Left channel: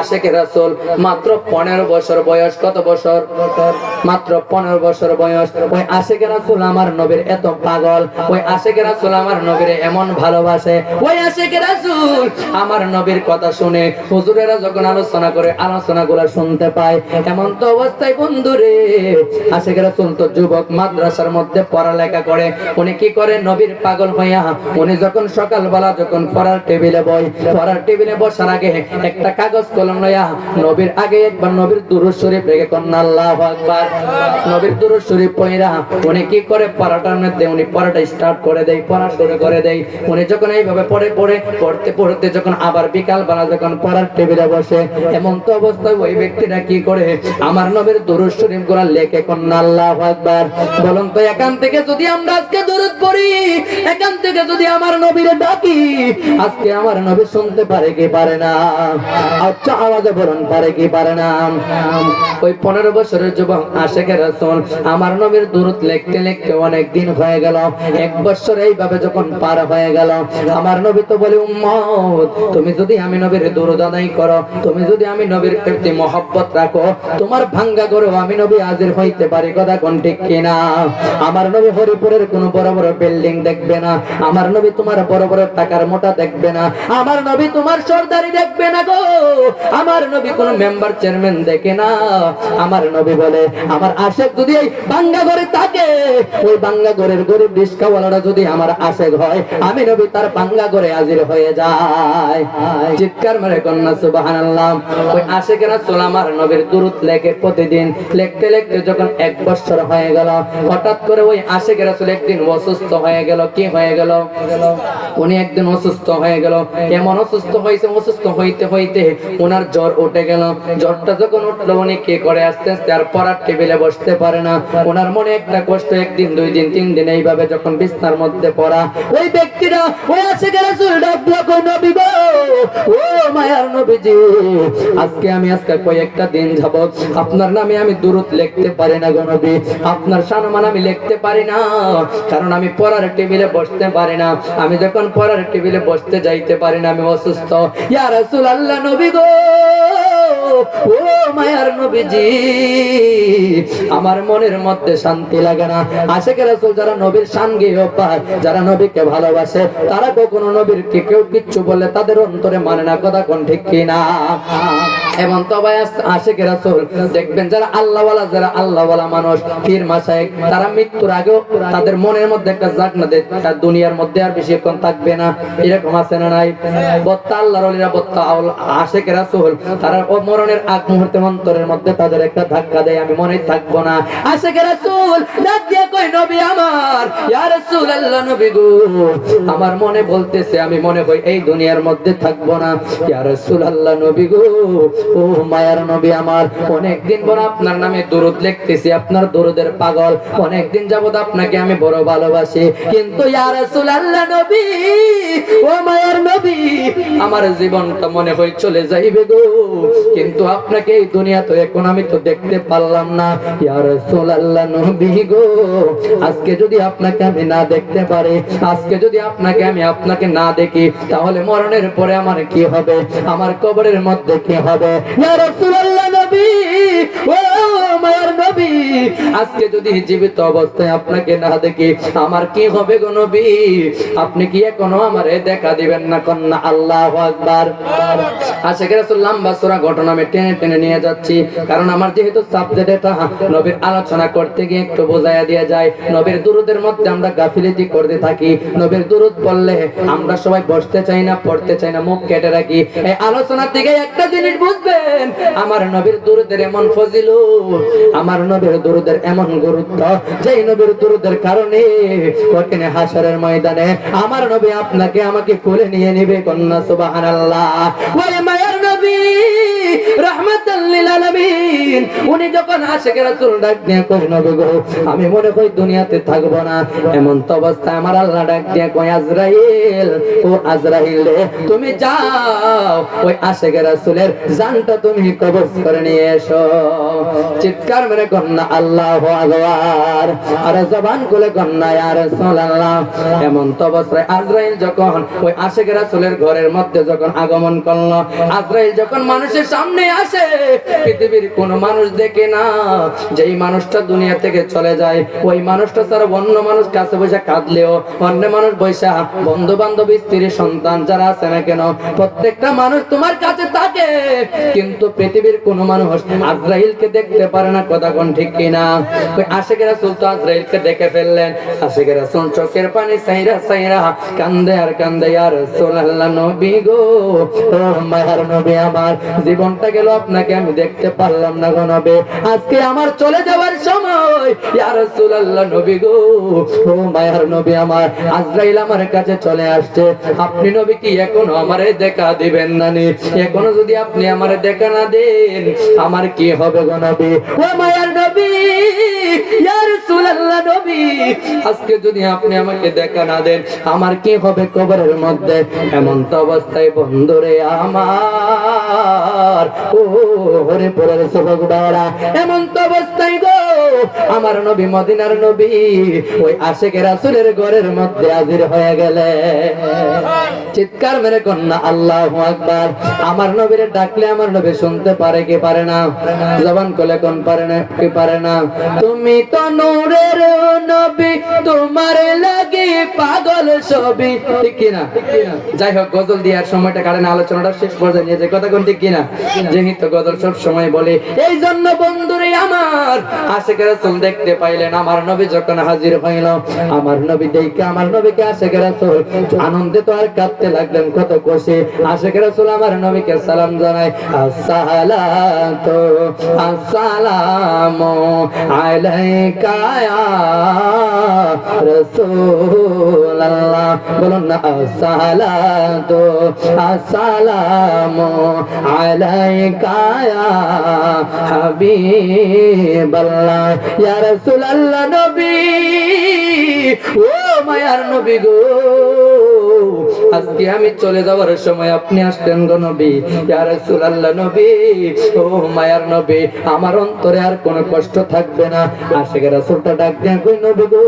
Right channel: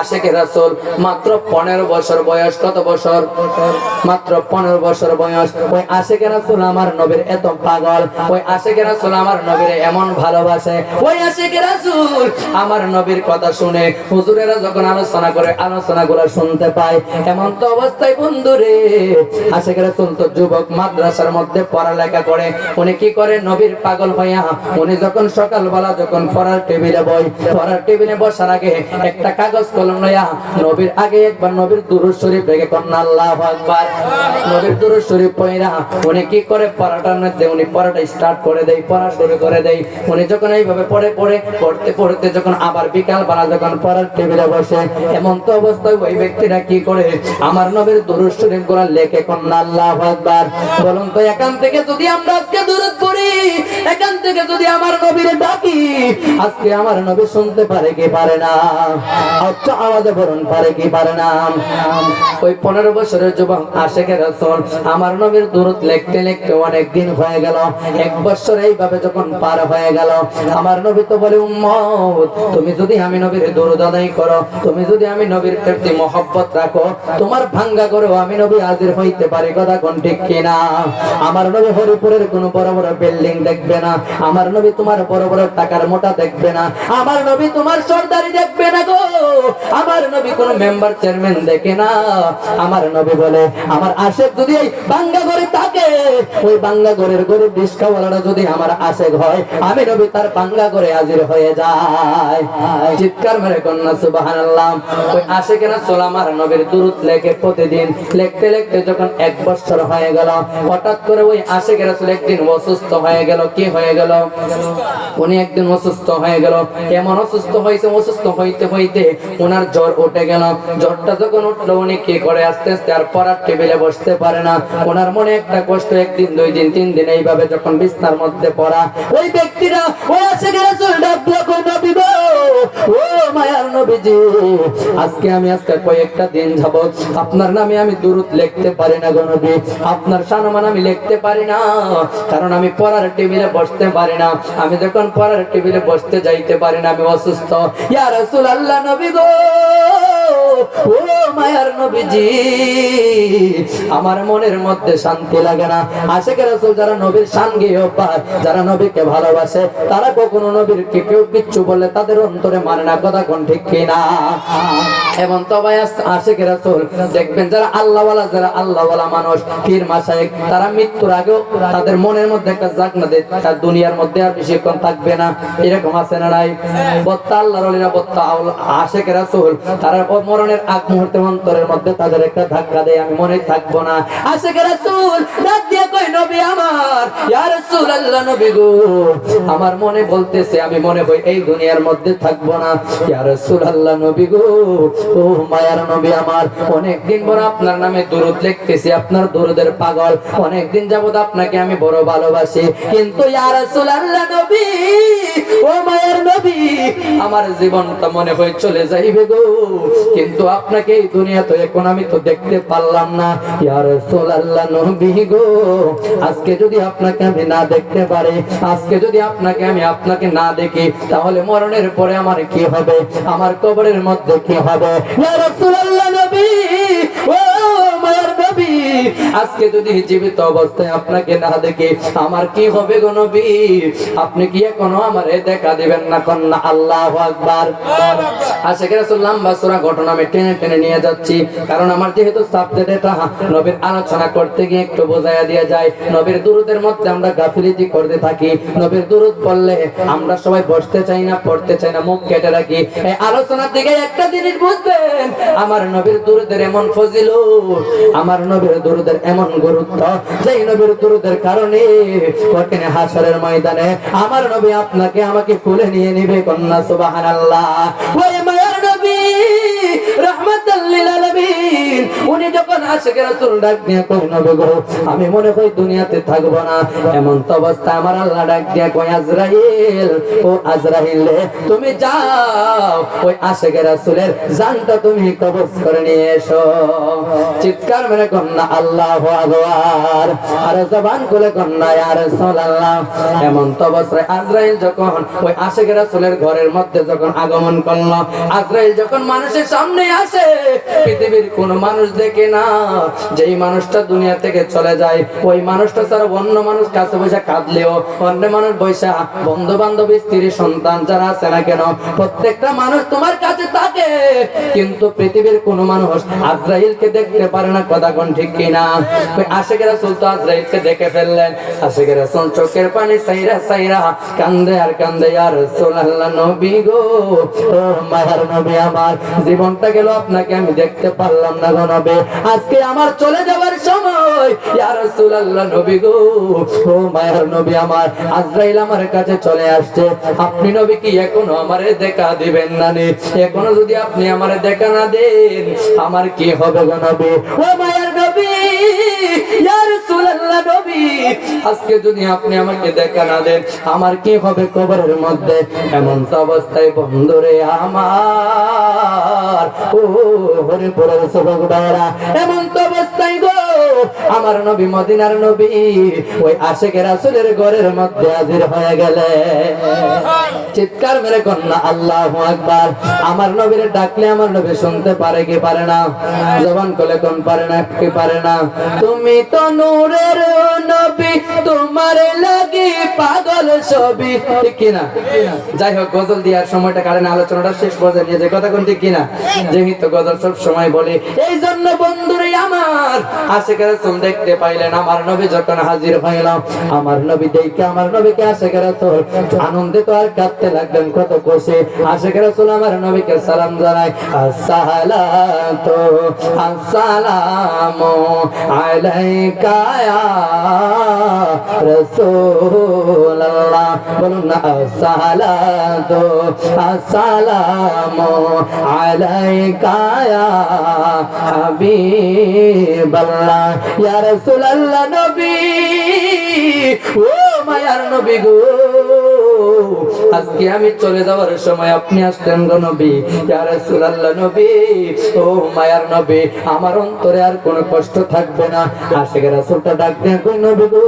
আশিকে রাসূল মাত্র 15 বছর বয়স। কত বছর? মাত্র 15 বছর বয়স। ওই আশিকে রাসূল আমার নবীর এত পাগল, ওই আশিকে রাসূল আমার নবীর এমন ভালোবাসে, ওই আশিকে রাসূল আমার নবীর কথা শুনে হুজুরেরা যখন আলোচনা করে আলোচনাগুলো শুনতে পায়। এমন তো অবস্থায় বন্ধুরে আশিকে রাসূল তো যুবক, মাদ্রাসার মধ্যে পড়ালেখা করে। উনি কি করে? নবীর পাগল হইয়া উনি যখন সকালবেলা যখন পড়ার টেবিলে পড়ার টেবিলে বসার আগে একটা কাগজ কলম লইয়া নবীর আগে একবার নবীর দুরূদ শরীফ রেখে কোন আল্লাহু আকবার, নবীর দুরূদ শরীফ পড়া উনি কি করে? পড়াটার মধ্যে উনি পড়াটা স্টার্ট করে দেয়, পড়া শুরু করে দেয়। উনি যখন এইভাবে পড়তে পড়তে যখন আবার বিকাল বেলা যখন পড়ার টেবিলে বসে, এমন তো অবস্থায় ওই ব্যক্তিরা কি করে? আমার নবীর দুরূদ শরীফ গুলো লেখে কোন আল্লাহু আকবার। বলুন তো এখান থেকে যদি আমরা আজকে দুরূদ পড়ি, এখান থেকে যদি আমার নবীর ডাকি, আজকে আমার নবী শুনতে পারে কি পারে না? আচ্ছা আওয়াজে বলুন, পারে কি পারে না? ওই 15 বছরের যুবক আশিকে রাসূল আমার নবীর দুরূদ লিখতে লিখতে অনেক দিন হয়ে গেল। 1 বছর এইভাবে যখন পার হয়ে গেল, আমার নবী তো বলে, উম্মত তুমি যদি আমি নবীর দুরূদ আদায় করো, তুমি যদি আমি নবীর প্রতি মহব্বত রাখো, তোমার ভাঙ্গা করো আমি নবী হাজির হইতে পারি। কথা কোন ঠিক কিনা? আমার নবী হরিপুরের কোন বড় বড় বিল্ডিং দেখবে না, আমার নবী তোমার বড় বড় টাকার মোটা দেখবে না, আমার নবী তোমার সরদারি দেখবে না গো, আমার নবী কোন মেম্বার চেয়ারম্যান দেখে না। আমার নবী বলে, আমার আশেক যদি এই বাঙ্গা ঘরে থাকে, ওই বাঙ্গা ঘরের গরিব রিস্কাওয়ালারা যদি আমার আশেক হয়, আমি নবী তার বাঙ্গা ঘরে হাজির হয়ে যায়। চিৎকার মেরে কন্যা সুবহানাল্লাহ। ওই আশেকে রাসূল আমার নবীর দুরূদ লেখে প্রতিদিন, লিখতে লিখতে যখন 1 বছর হয়ে গেল, হঠাৎ করে ওই আশেকে রাসূল একদিন অসুস্থ হয়ে গেল। কি হয়ে গেল? উনি একদিন অসুস্থ হয়ে গেল। এমন অসুস্থ হয়েছে, অসুস্থ হইতে হইতে ওনার জ্বর উঠে গেল। জ্বরটা যখন উঠলো, উনি কি করে? আস্তে আস্তে আর পড়ার টেবিলে বসতে পারে না। ওনার মনে একটা কষ্ট, 1 দিন 2 দিন 3 দিন এইভাবে যখন বিছানার মধ্যে পড়া, ওই ব্যক্তিরা ওই আশিকে রাসূল ডাক দিয়া কই, নবী গো, ও মায়ার নবীজি, আজকে কয়েকটা দিন যাবত আপনার নামে আমি দুরূদ লিখতে পারি না গো নবী, আপনার সম্মান আমি লিখতে পারি না, কারণ আমি পড়ার টেবিলে বসতে পারি না। আমি যখন পড়ার টেবিলে বসতে যাইতে পারি না, আমি অসুস্থ। ইয়া রাসূলুল্লাহ, নবী গো, ও মায়ার নবীজি, আমার মনের মধ্যে শান্তি লাগে না। আশিকে রাসূল যারা নবীর শান গেয়ে পায়, যারা নবীকে ভালোবাসে, তারা কখনো নবীর কে কেউ কিচ্ছু বললে তাদের অন্তরে মানে না। কথা কোন ঠিক কিনা? এমন তো ভাই আশিকে রাসূল দেখবেন, যারা আল্লাহওয়ালা, যারা আল্লাহওয়ালা মানুষ, পীর মাশায়েখ, তারা মৃত্যুর আগেও তাদের মনের মধ্যে একটা জাগনা দেয়, তার দুনিয়ার মধ্যে আর বেশিক্ষণ থাকবে না। এরকম আছে না নাই? বত্তা আল্লাহর ওলিরা, বত্তা আশিকে রাসূল, তারা মরণের আগ মুহূর্তে অন্তরের মধ্যে তাদের একটা ধাক্কা দেয়, আমি মনে থাকবো না। আশিকে রাসূল ডাক দিয়ে কই, নবী আমার, ইয়া রাসূলুল্লাহ, নবী গো, আমার মনে বলতেছে আমি মনে হই এই দুনিয়ার মধ্যে থাকবো না। ইয়া রাসূলুল্লাহ, নবী গো, ও মায়ার নবী আমার, অনেকদিন পর আপনার নামে দুরূদ লিখতেছি, আপনার দুরূদের পাগল, অনেকদিন যাবত আপনাকে আমি বড় ভালোবাসি, কিন্তু ইয়া রাসূলুল্লাহ, নবী, ও মায়ার নবী, আমার জীবনটা মনে হয় চলে যাইবে গো, কিন্তু আপনাকে এই দুনিয়াতে এখন আমি তো দেখতে পারলাম না। ইয়া রাসূলুল্লাহ, নবী গো, আজকে যদি আপনাকে আমি না দেখতে পারি, আজকে যদি আপনাকে না দেখি, তাহলে মরণের পরে আমার কি হবে? আমার কবরের মধ্যে কি হবে? ইয়া রাসূলুল্লাহ, নবী, ও মায়ার নবী, আজকে যদি জীবিত অবস্থায় আপনাকে না দেখি, আমার কি হবে গো নবী? আপনি কি এখনো আমারে দেখা দিবেন না? কন্যা আল্লাহু আকবার। আশিকে রাসূল লম্বা সূরা ঘটনা আমি টেনে টেনে নিয়ে যাচ্ছি, কারণ আমার যেহেতু সাবজেক্ট এটা, নবীর আলোচনা করতে গিয়ে একটু বোঝাইয়া দিয়ে যায়। নবীর দুরূদের মধ্যে আমরা গাফিলতি করতে থাকি। নবীর দুরূদ পড়লে আমরা সবাই বসতে চাই না, পড়তে চাই না, মুখ কেটে রাখি। এই আলোচনা থেকে একটা জিনিস বুঝবেন, আমার নবীর দুরূদের এমন ফজিলত, আমার নবীর দুরূদের এমন গুরুত্ব, যে নবীর দুরূদের কারণে কঠিন হাসরের ময়দানে আমার নবী আপনাকে আমাকে কোলে নিয়ে নেবে। কন্যা সুবহানাল্লাহ। ওরে মায়ার নবী, রাহমাতাল লিল আলামিন, উনি যখন একজন আশিকের রাসূল ডাক দিয়ে কই নবী গো আমি মনে করি দুনিয়াতে থাকবো না। এমন তো অবস্থায় আমার আল্লাহ ডাক দিয়ে কই আজরাইল, ও আজরাইল রে তুমি যাও ওই আশিকের রাসূলের জানটা তুমি কবজ করে নিয়ে এসো। চিৎকার মেরে কন্যা আল্লাহু আকবার, আরে জবান খুলে কন্যা ইয়া রাসূলুল্লাহ। এমন তো অবস্থায় আজরাইল যখন ওই আশিকের রাসূলের ঘরের মধ্যে যখন আগমন করলো, আজরাইল যখন মানুষের সামনে আসে পৃথিবীর কোন মানুষ দেখে না যেই মানুষটা দুনিয়া থেকে চলে যায় ওই মানুষটা ছাড়া অন্য মানুষ কাছে বসে কাঁদলেও, অন্য মানুষ বসে বন্ধু বান্ধব স্ত্রী সন্তান যারা আছে না কেন প্রত্যেকটা মানুষ তোমার কাছে থাকে, কিন্তু পৃথিবীর কোন মানুষ আজরাইলকে দেখতে পারে না। কথা কোন ঠিক কিনা? ওই আশিকের রাসূল তো আজরাইলকে দেখে ফেললেন। আশিকের রাসূল চোখের পানি সাইরা সাইরা কান্দে আর কান্দে, ইয়া রাসূলুল্লাহ নবী গো, ও মায়ার নবী আমার জীবনটা গেল আপনাকে আমি দেখতে পারলাম না গো নবী, আজকে আমার চলে যাওয়ার সময় ইয়া রাসূলুল্লাহ নবী গো, ও মায়ার নবী আমার আজরাইল আমার কাছে চলে আসছে, আপনি নবী কি এখনো আমারে দেখা দিবেন না নি? এখনো যদি আপনি আমারে দেখা না দেন আমার কি হবে গো নবী? ও মায়ার নবী ইয়া রাসূলুল্লাহ নবী আজকে যদি আপনি আমাকে দেখা না দেন আমার কি হবে কবরের মধ্যে? এমন তো অবস্থায় বন্ধুরে আমার, ও হরে পরের যুবক ভাইরা, এমন তো অবস্থায় গো আমার নবী মদিনার নবী ওই আশিকের রাসূলের ঘরের মধ্যে হাজির হয়ে গেলে। চিৎকার মেরে কন্যা আল্লাহু আকবার। আমার নবীরে ডাকলে আমার নবী শুনতে পারে কি পারে না? জবান খুলে কোন পারে না কি পারে না? তুমি তো নূরের নবী তোমার লাগি পাগল সবই, ঠিক কিনা? যাই হোক গজল দেওয়ার সময়টা কারণে আলোচনাটা শেষ পর্যায়ে নিয়ে যে কথা কোন ঠিক কিনা? যেহেতু গজল সব সময় বলি এই জন্য বন্ধুরে আমার আশিকের রাসূল দেখতে পাইলেন আমার নবী যখন হাজির হইল, আমার নবী দেখে আমার নবীকে আশিকের রাসূল আনন্দিত আর কাঁদতে লাগলেন, কত খুশি। আশিকের রাসূল আমার নবীকে সালাম জানায়, আসসালাতু আসসালামু আলাইকা ইয়া রাসূলুল্লাহ, বলুন না আসসালাতু আসসালামু আলাইকা ইয়া হাবিবাল্লাহ, ইয়া রাসূলুল্লাহ নবী, ও মায়ার নবী গো আজকে আমি চলে যাওয়ার সময় আপনি আসলেন গো নবী, ইয়া রাসূলুল্লাহ নবী, ও মায়ার নবী আমার অন্তরে আর কোনো কষ্ট থাকবে না। আশিকের রাসূলটা ডাক দেন গো নবী গো,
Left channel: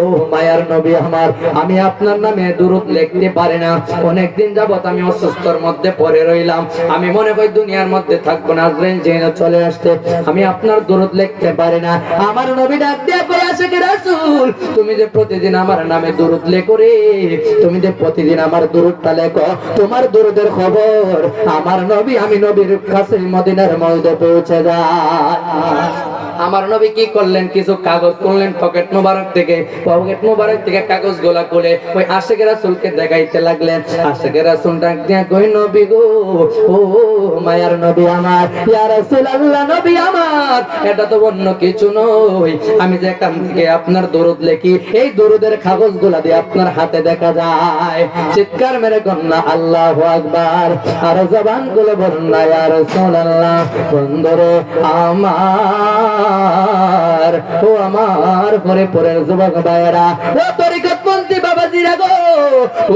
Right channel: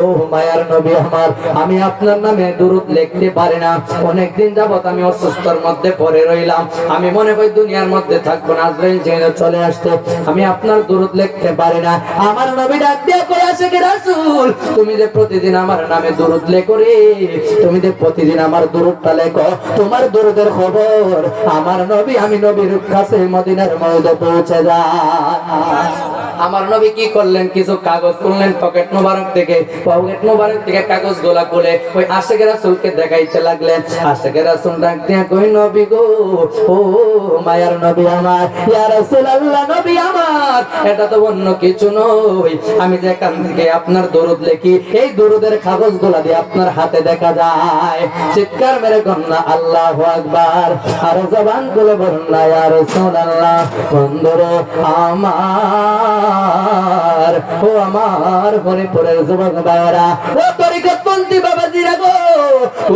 ও মায়ার নবী আমার আমি আপনার নামে দুরূদ লিখতে পারি না, অনেকদিন যাবত আমি অসুস্থর মধ্যে পড়ে রইলাম, আমি মনে করি দুনিয়ার মধ্যে থাকবো না, আজরাইল যেন চলে আসতে আমি আপনার দুরূদ লিখতে পারি না। আমার নবী ডাক দিয়ে কয়, আশিকের রাসূল তুমি যে প্রতিদিন আমার নামে দুরূদ লেখো রে, তুমি যে প্রতিদিন আমার দুরূদটা লেখো, তোমার দুরূদের খবর আমার নবী আমি নবীর কাছে মদিনার মধ্যে পৌঁছে যায়। আমার নবী কি করলেন, কিছু কাগজ তুললেন পকেট মোবারক থেকে কাগজ গোলা খুলে ওই আশিকের রাসূলকে দেখাইতে লাগলেন। আশিকের রাসূল ডাক দিয়া কই নবী গো, ও মায়ার নবী আমার, ইয়া রাসূলুল্লাহ নবী আমার এটা তো অন্য কিছু নয়, আমি যে এখান থেকে আপনার দরুদ লিখি এই দরুদের কাগজ গোলা দিয়ে আপনার হাতে দেখা যায়। চিৎকার মেরে কন্যা আল্লাহু আকবার, আর জবান গুলো বলুন না ইয়া রাসূলুল্লাহ। বন্ধুরে আমার, ও আমার ঘরে পরের যুবক ভাইরা, ও তরিকতপন্থী বাবাজিরা গো,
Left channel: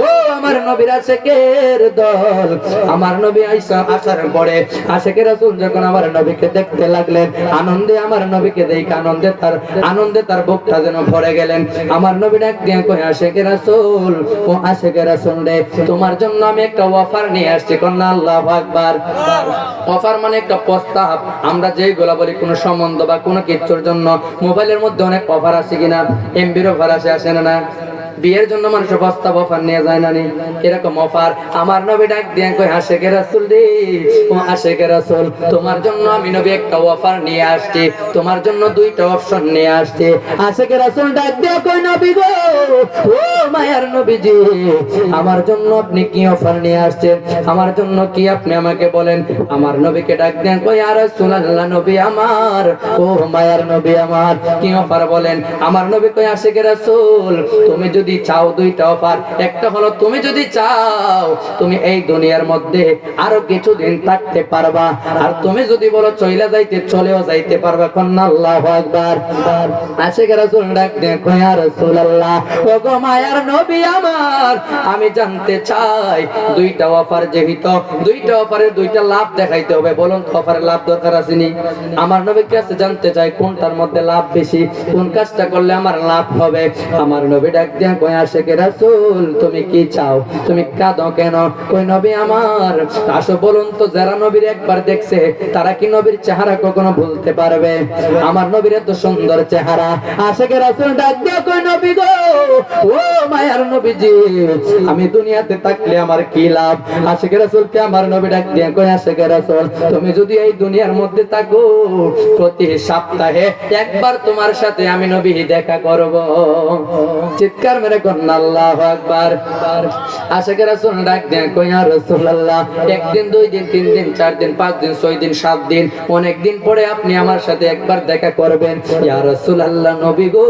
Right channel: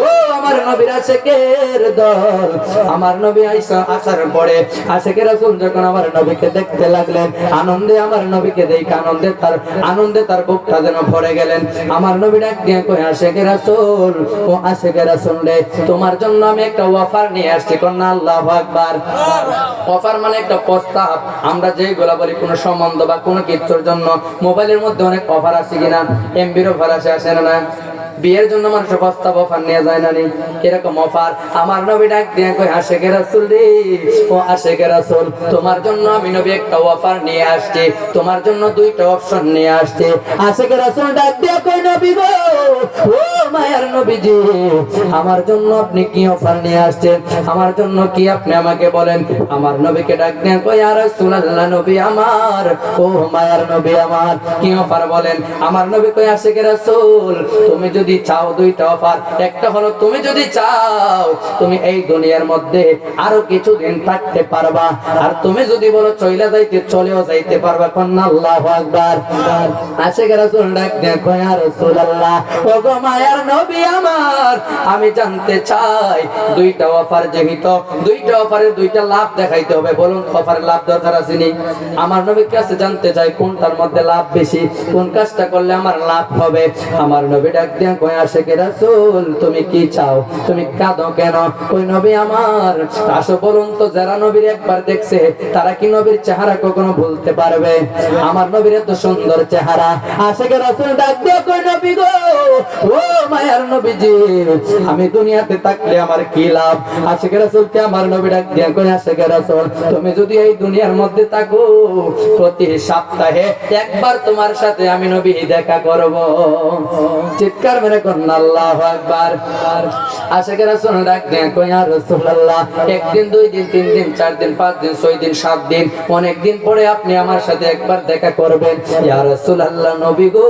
ও আমার নবীর আশিকের দল, আমার নবী আসার পরে আশিকের রাসূল যখন আমার নবীকে দেখতে লাগলেন, আনন্দে আমার নবীকে দেখে আনন্দে তার বুকটা যেন ভরে গেলেন। আমার নবী ডাক দিয়ে কই, আশিকের রাসূল, ও আশিকের রাসূল রে তোমার জন্য আমি একটা অফার নিয়ে আসছি। কন্যা আল্লাহু আকবার। অফার মানে একটা প্রস্তাব, আমরা যেইগুলা বলি কোন সম্বন্ধ বা কোন কিছুর জন্য মোবাইলের মধ্যে অনেক অফার আছে কিনা, এমবির অফার আসে না? বিয়ের জন্য মানুষ প্রস্তাব অফার নিয়ে যায় না, এরকম অফার আমার নবী ডাক দিয়ে কই, আশিকের রাসূল রে, ও আশিকের রাসূল তোমার জন্য আমি নবী একটা অফার নিয়ে আসছি, তোমার জন্য দুইটা অপশন নিয়ে আসছি। আশিকের রাসূল ডাক দিয়ে কই, নবী গো, ও মায়ার নবীজি আমার জন্য আপনি কি অফার নিয়ে আসছেন, আমার জন্য কি আপনি আমাকে বলেন। আমার নবীকে ডাক দিয়ে কই, ইয়া রাসূলুল্লাহ নবী আমার, ও মায়ার নবী আমার কি অফার বলেন। আমার নবী কই, আশিকের রাসূল তুমি যদি যদি চাও দুইটা অফার, একটা হলো তুমি যদি চাও তুমি এই দুনিয়ার মধ্যে আরো কিছুদিন থাকতে পারবা, আর তুমি যদি বলো চলে যাইতে চলেও যাইতে পারবা। কন্যা আল্লাহু আকবার। আশিক রাসূল ডাক দেয়া কয় ইয়া রাসূলুল্লাহ, ওগো মায়ার নবী আমার, আমি জানতে চাই দুইটা অফার, যেহেতু দুইটা অফারের দুইটা লাভ দেখাইতে হবে, বলুন অফারের লাভ দরকার আছে নি? আমার নবীর কাছে জানতে চাই কোনটার মধ্যে লাভ বেশি, কোন কাজটা করলে আমার লাভ হবে। আমার নবী ডাক দেয়া কয় আশিক রাসূল, তুমি কি চাও? তুমি কাঁদো কেন? কই নবী আমার, আসো বলুন তো, যারা নবীর একবার দেখছে তারা কি নবীর চেহারা কখনো ভুলতে পারবে? আমার নবীর এত সুন্দর চেহারা। আশিক রাসূল ডাক দেয়া কয় নবী গো, ও মায়ার নবীজি, আমি দুনিয়াতে থাকলে আমার কি লাভ? আশিক রাসূলকে আমার নবী ডাক দেয়া কয় আশিক রাসূল, তুমি যদি এই দুনিয়ার মধ্যে থাকো প্রতি সপ্তাহে একবার তোমার সাথে আমি নবী দেখা করব। চিৎকার মেরে কন্যা আল্লাহু আকবার। আশিক রাসূল ডাক দেয়া কয় ইয়া রাসূলুল্লাহ, একদিন, দুই দিন, তিন দিন, চার দিন, পাঁচ দিন, ছয় দিন, সাত দিন, অনেক দিন পরে আপনি আমার সাথে একবার দেখা করবেন। ইয়া রাসূলুল্লাহ, নবী গো,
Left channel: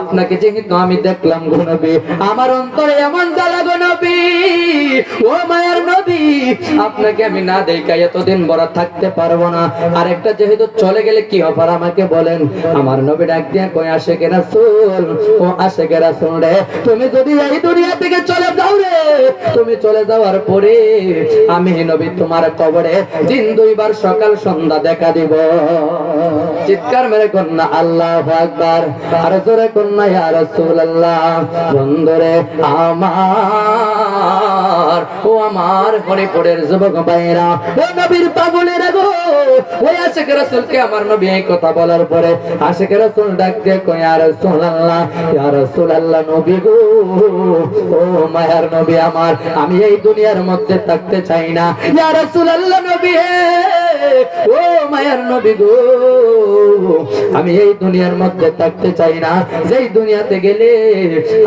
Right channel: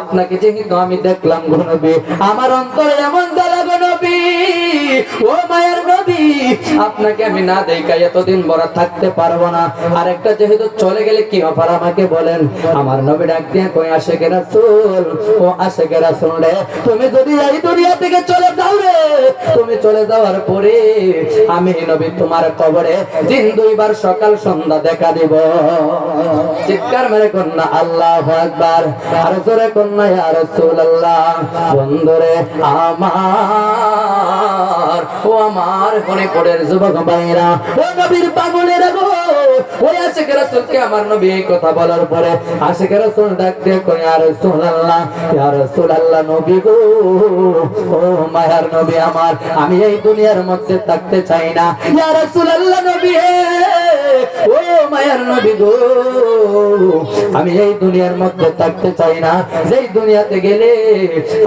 আপনাকে যেহেতু আমি দেখলাম গো নবী, আমার অন্তরে এমন জ্বালা গো নবী, ও মায়ার নবী, আপনাকে আমি না দেখা এতদিন বড় থাকতে পারবো না। আরেকটা যেহেতু চলে গেলে কি অফার আমাকে বলেন? আমার নবী ডাক দিয়ে কয় আশিক রাসূল, ও আশিক রাসূল রে, তুমি যদি এই দুনিয়া থেকে চলে যাও রে, তুমি চলে যাওয়ার পরে আমি নবী তোমার কবরে দিন দুইবার সকাল সন্ধ্যা দেখা দিব। চিৎকার মেরে কন্যা আল্লাহু আকবার। আর জোরে কন্যা ইয়া রাসূলুল্লাহ। বন্ধুরে আমার, ও আমার হরিপুরের যুবক ভাইরা, ও নবীর পাগলের গো, ওই আশিক রাসূলকে আমার নবী এই কথা বলার পরে আশিক রাসূল ডাক দিয়ে কয় ইয়া রাসূলুল্লাহ, ইয়া রাসূলুল্লাহ, নবী গো, ও মায়ার নবী আমার, আমি এই দুনিয়ার মধ্যে থাকতে চাই না। ইয়া রাসূলুল্লাহ, নবী ও মায়ার নবী গো, আমি এই দুনিয়ার মধ্যে থাকতে চাই না, যেই দুনিয়াতে গেলে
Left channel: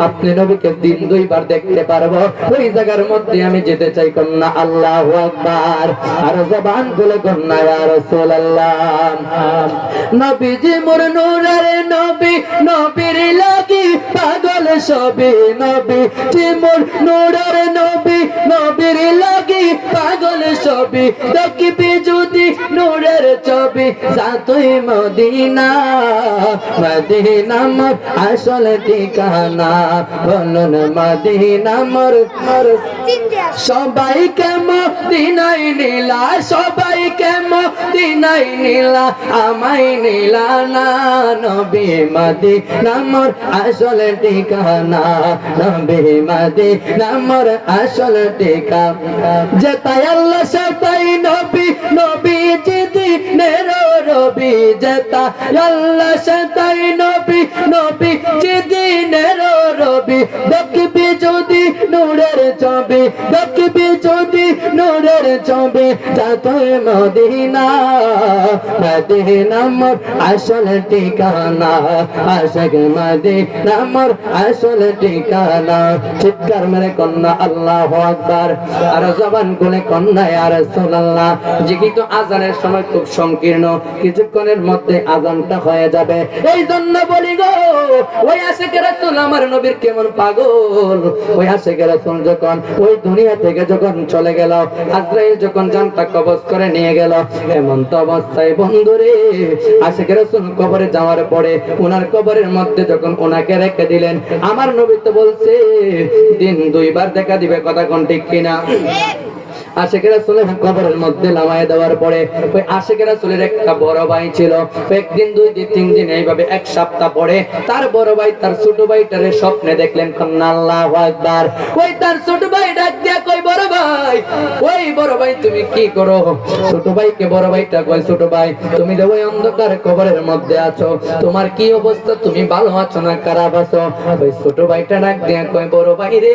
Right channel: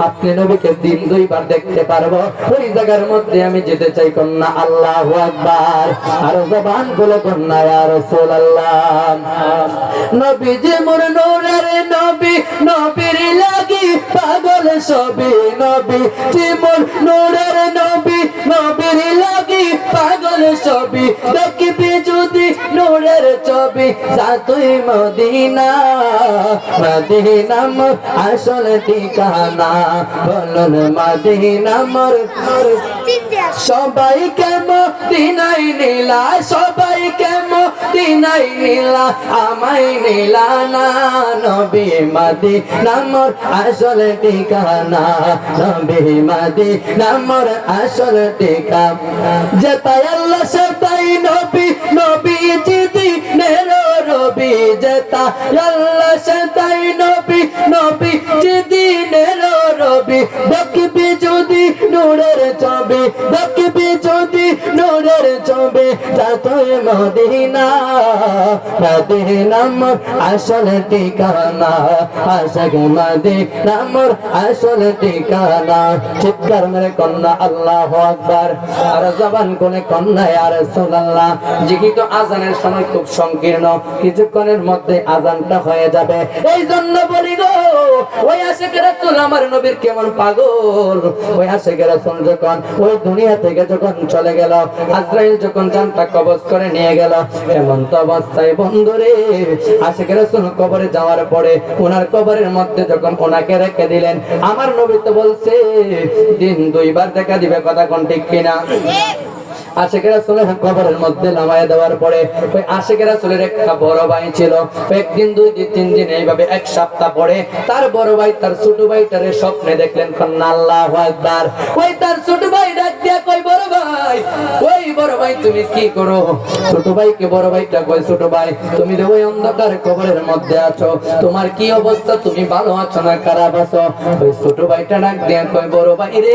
আপনি নবীকে দিন দুইবার দেখতে পারবো, ওই জায়গার মধ্যে আমি যেতে চাই। কন্যা আল্লাহু আকবার। আর জবান খুলে কন্যা ইয়া রাসূলুল্লাহ। নবীজি মোর নূরের নবী, নবীর লাগি পাগল সবে, নবীজি মোর নূরের নবী, নবীর লাগি পাগল সবে, দেখবি যদি নূরের ছবি, যাতুই মদিনা, মদিনা মোর আসল ঠিকানা, বলুন মদিনা মোর। সবাইকে মদিনাই নিলা, সবাইকে মদিনাই নিলা, আমায় নিলা না, নবী মদিনা মোর আসল ঠিকানা, নবী মদিনা মোর আসল ঠিকানা। যেতাই আল্লাহ সেতাই নবী, নবী জিদি নেরো রবি, যেতা আল্লাহ সেতাই নবী, নবী জিদি নেরো রবি, দেখবি যদি নূরের ছবি, দেখবি যদি নূরের ছবি, যাতুই মদিনা, মদিনা মোর আসল ঠিকানা, আশিক মদিনা মোর আসল ঠিকানা। চিৎকার মেরে কন্যা আল্লাহু আকবার। আর জবান খুলে কন্যা ইয়া রাসূলুল্লাহ। যেহেতু আজানের সময় খুব সংকীর্ণ, কিছুক্ষণের মধ্যে আজানটা হয়ে যাবে, এই জন্য বলি গো, ওই আশিক রাসূল আমার নবীর কেমন পাগল। ওই আশিক রাসূল যখন ওই দুনিয়া থেকে যখন চলে গেল, আজরাইল যখন জানটা কবজ করে নিয়ে গেল, এমন তো অবস্থায় বন্ধুরে আশিক রাসূল কবরে যাওয়ার পরে ওনার কবরের মধ্যে যখন ওনাকে রেখে দিলেন, আমার নবী তো বলছে দিন দুইবার দেখা দিবে, কথা কোন ঠিক কিনা? আশিক রাসূলের কবরের মধ্যে নামায় দেওয়ার পরে ওই আশিক রাসূলের একটা বড় ভাই ছিল, একদিন, দুই দিন, তিন দিন, এইভাবে এক সপ্তাহ পরে তার বড় ভাই তার ছোট ভাইটারে স্বপ্নে দেখলেন। কন্যা আল্লাহু আকবার। ওই তার ছোট ভাই ডাক দিয়া কই, বড় ভাই, ওই বড় ভাই তুমি কি করো? ছোট ভাইকে বড় ভাইটা কই, ছোট ভাই তুমি যে ওই অন্ধকার কবরের মধ্যে আছো, তোমার কি অবস্থা? তুমি ভালো আছো না খারাপ আছো? ওই ছোট ভাইটা ডাক দিয়া কই, বড় ভাই রে,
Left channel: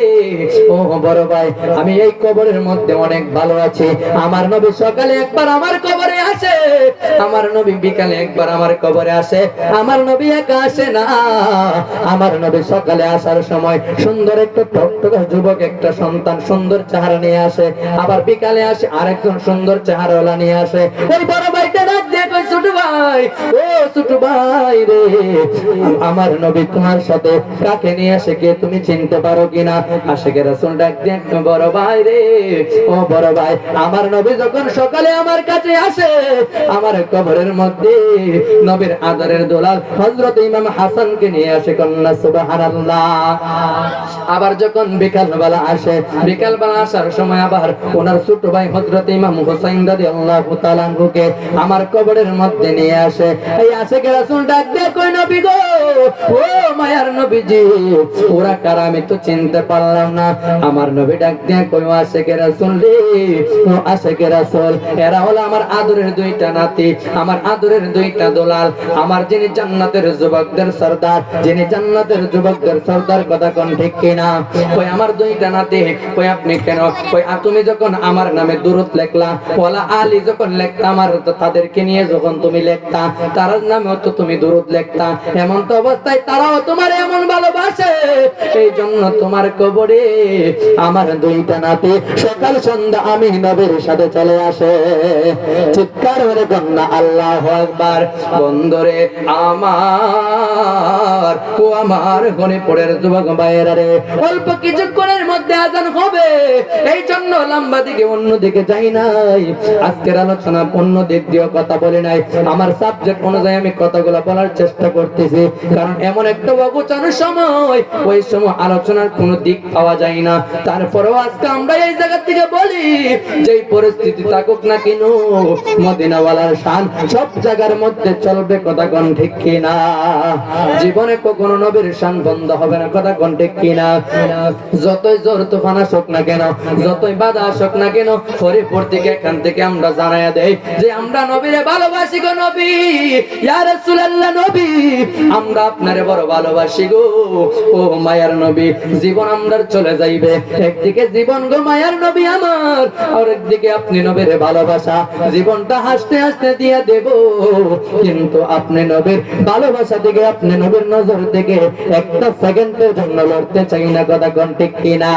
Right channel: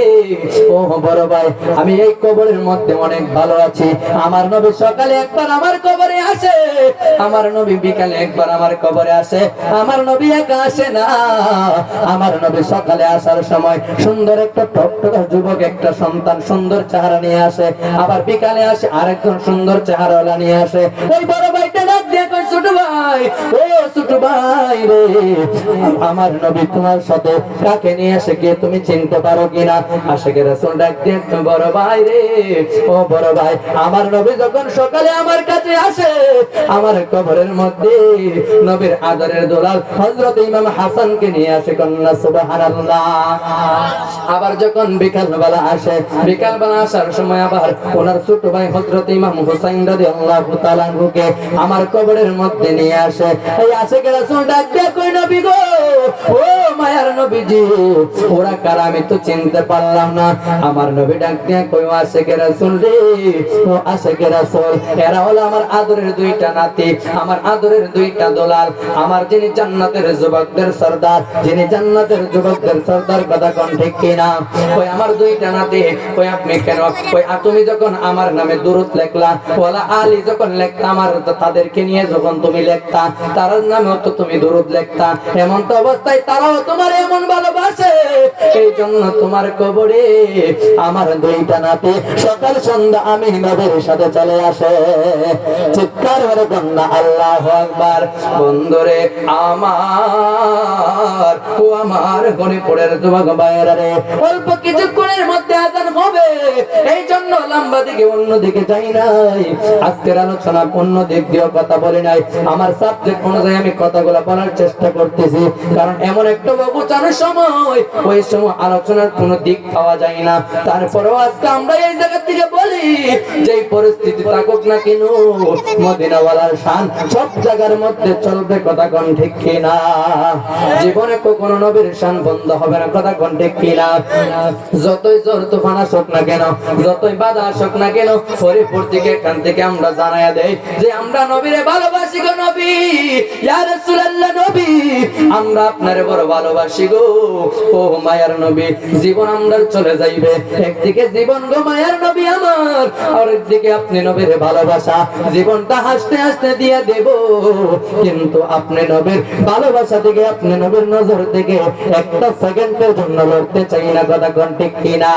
ও বড় ভাই, আমি এই কবরের মধ্যে অনেক ভালো আছি। আমার নবী সকালে একবার আমার কবরে আসে, আমার নবী বিকালে একবার আমার কবরে আসে, আমার নবী একা আসে না, আমার নবী সকালে আসার সময় সুন্দর একটা টকটকা যুবক একটা সন্তান সুন্দর চেহারা নিয়ে আসে, আবার বিকালে আসে আরেকজন সুন্দর চেহারাওয়ালা নিয়ে আসে। ওই বড় ভাইটা ডাক দিয়ে কই, ছোট ভাই, ও ছোট ভাই রে, আমার নবী তোমার সাথে কাকে নিয়ে আসে কে তুমি চিনতে পারো কিনা? আশিকের রাসূল ডাক দিয়ে বড় ভাই রে, ও বড় ভাই, আমার নবী যখন সকালে আমার কাছে আসে, আমার কবরের মধ্যে নবীর আদরের দুলাল হযরত ইমাম হাসানকে নিয়ে আসে, কন্যা সুবহানাল্লাহ। আবার যখন বিকালবেলা আসে, বিকালবেলা আসার সময় আবার ওনার ছোট ভাই হযরত ইমাম হুসাইন রাদিয়াল্লাহু তাআলা আনহুকে আমার কবরের মধ্যে নিয়ে আসে। এই আশিকের রাসূল ডাক দিয়ে কই নবী গো, ও মায়ার নবীজি, ওরা কারা আমি তো চিনতে পারলাম না। আমার নবী ডাক দিয়ে কই আশিকের রাসূল রে, ও আশিকের রাসূল, এরা হলো আমার আদরের দুইটা নাতি, আমার আদরের দুইটা দোলাল, আমার যিনি জান্নাতের যুবকদের সরদার, যিনি জান্নাতের যুবকদের সরদার, কথা কোন ঠিক কিনা? কই আমার দুইটা নাতি, কই আপনি কেন, কই তুমি যখন আমার নামে দুরূদ লেখলা, ওয়ালা আলী যখন লেখতা, আমার তাদেরকে নিয়ে যখন তুমি লেখতা, তার নামেও তো তুমি দুরূদ লেখতা, এমন তো অবস্থায় তারাও তোমার এমন ভালোবাসে, এই জন্য তোমার কবরে আমার দুইটা নাতি সকাল সন্ধ্যা আমি নবীর সাথে চলে আসে। চিৎকার করে কন্যা আল্লাহু আকবার। বন্ধুরে আমার, ও আমার গণিপুরের যুবক ভাইয়েরা রে, অল্প কিছুক্ষণের মধ্যে আজান হবে, এই জন্য লম্বা দিকে অন্য দিকে যাই নাই। আজকের আলোচনা অন্য দিক দিয়ে কথা বলি নাই, আমার সাবজেক্ট অনুযায়ী আমি কথাগুলো বলার চেষ্টা করতেছি, কারণ এমন একটা অবচারের সময়, ওই সময় আলোচনার কোনো দিক পাওয়া যায় না। তারপরেও আজকে আমরা এই জায়গা থেকে বলি, যেই পরিস্থিতি থাকুক না কেন, মদিনাওয়ালার শান সব জায়গার মধ্যে চলবে, কথা কোন ঠিক কিনা? জীবনে কখনো নবীর শান বন্ধ হবে না, কথা কোন ঠিক কিনা? যতই জোর তুফান আসুক না কেন, যতই বাধা আসুক না কেন, হরিপুর থেকে এখান থেকে আমরা জানাইয়া দেই যে আমরা নবীরে ভালোবাসি গো নবী, ইয়া রাসূলুল্লাহ নবী, আমরা আপনারে বড় ভালোবাসি গো, ও মায়ার নবী। জীবন আমরা চলে যাইবে, একদিকে জীবন গো মায়ার নবী আমার, আর একদিকে আপনি নবীরে ভালোবাসা, জীবনটা হাসতে হাসতে দিয়া দেব, কিন্তু আপনি নবীর ভালোবাসা থেকে, আপনি নবীর নজর থেকে একটা সেকেন্ডের জন্য লড়তে চাই না, কথা কোন ঠিক কিনা?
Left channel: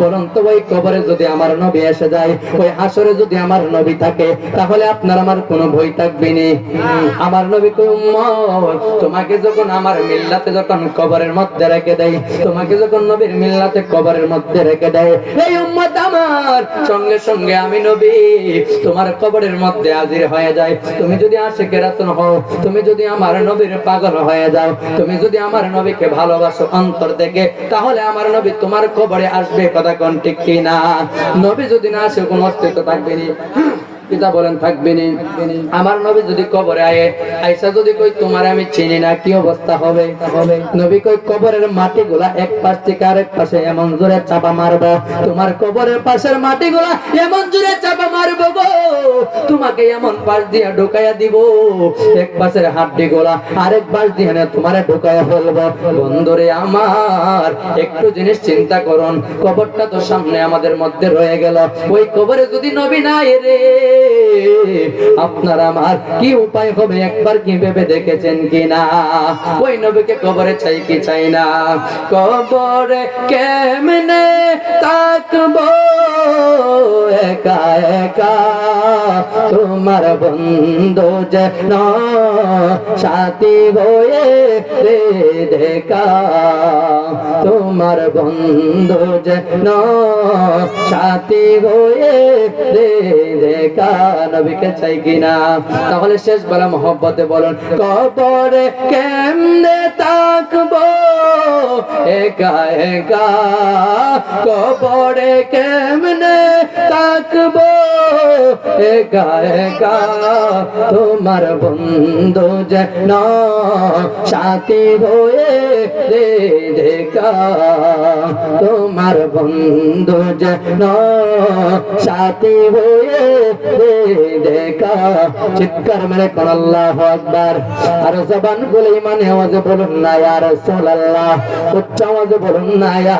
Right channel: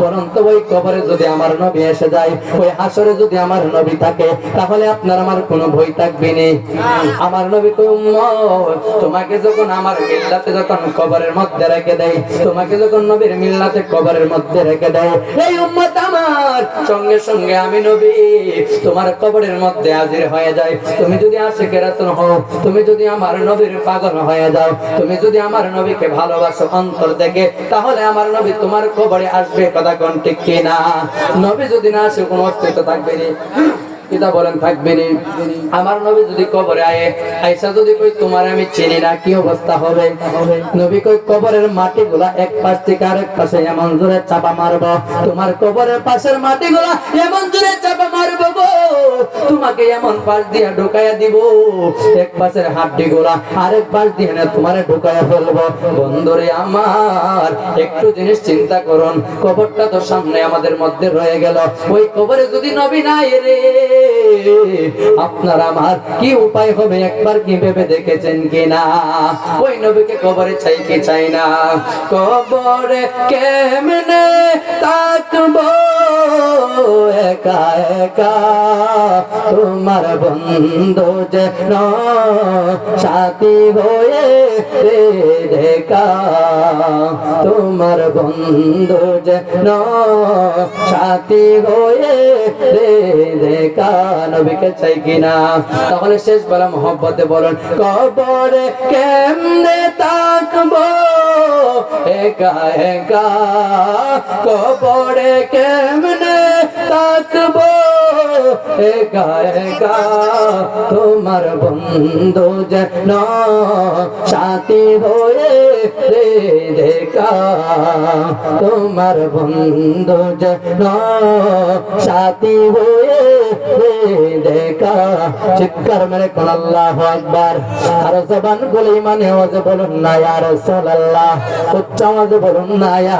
বরং তো ওই কবরে যদি আমার নবী এসে যায়, ওই হাসরে যদি আমার নবী থাকে, তাহলে আপনার আমার কোনো ভয় থাকবে না। আমার নবী কই উম্মত, তোমাকে যখন আমার মিল্লাতে যখন কবরের মধ্যে রেখে দেয়, তোমাকে যখন নবীর মিল্লাতে কবরের মধ্যে রেখে দেয়, এই উম্মত আমার সঙ্গে সঙ্গে আমি নবী তোমার কবরের মধ্যে হাজির হয়ে যায়। তুমি যদি আশিকে রাসূল হও, তুমি যদি আমার নবীর পাগল হয়ে যাও, তুমি যদি আমার নবীকে ভালোবাসো অন্তর থেকে, তাহলে আমার নবী তোমার কবরে আসবে, কথা কোন ঠিক কিনা? নবী যদি না আসে কোনো অস্তিত্ব থাকবে না, পিতা বলেন থাকবে না। আমার নবী যদি কবরে আইসা যদি কই তোমার আমি চিনি না, কি অবস্থা হবে? নবী কই কবরের মাটিগুলা এক পাশ থেকে আরেক পাশে এমন জোরে চাপা মারবো, তোমার কবরের পাশের মাটিগুলা এমন জোরে চাপা মারবো গো, তোমাকে এমন পাশ দিয়া ঢোকাইয়া দিব, এক পাশের হাড্ডিগুলা আরেক পাশ দিয়ে না তোমারে ঢোকাইয়া ফেলবো। বন্ধুরে আমার, একটু জিনিস চিন্তা করুন, কবরটা তো সামনে আমাদের মধ্যে রয়ে গেল, ওই কবরে যদি নবী নাই রে, আপনার আমার কি উপায় হবে? একবার কি ভেবে দেখেছেন কিনা? ওই নবীকে কবরে চাই কি চাই না? কবরে কেমনে তাকবো একা একা, তোমার বন্ধু যেন সাথী হয়ে রে দেখা, তোমার বন্ধু যেন সাথী হয়ে রে দেখা। নবীকে চাই কিনা? তাহলে শেষ বেলা মহব্বতে বলুন, কবরে কেমনে তাকবো একা একা, কবরে কেমনে তাকবো একা একা, তোমার বন্ধু যেন সাথী হয়ে রে দেখা, তোমার বন্ধু যেন সাথী হয়ে রে দেখা। চিৎকার মেরে কোন আল্লাহু আকবার। আর জবান বলে মানে আওয়াজে বলুন না ইয়া রাসূলুল্লাহ, উচ্চ আওয়াজে বলুন না ইয়া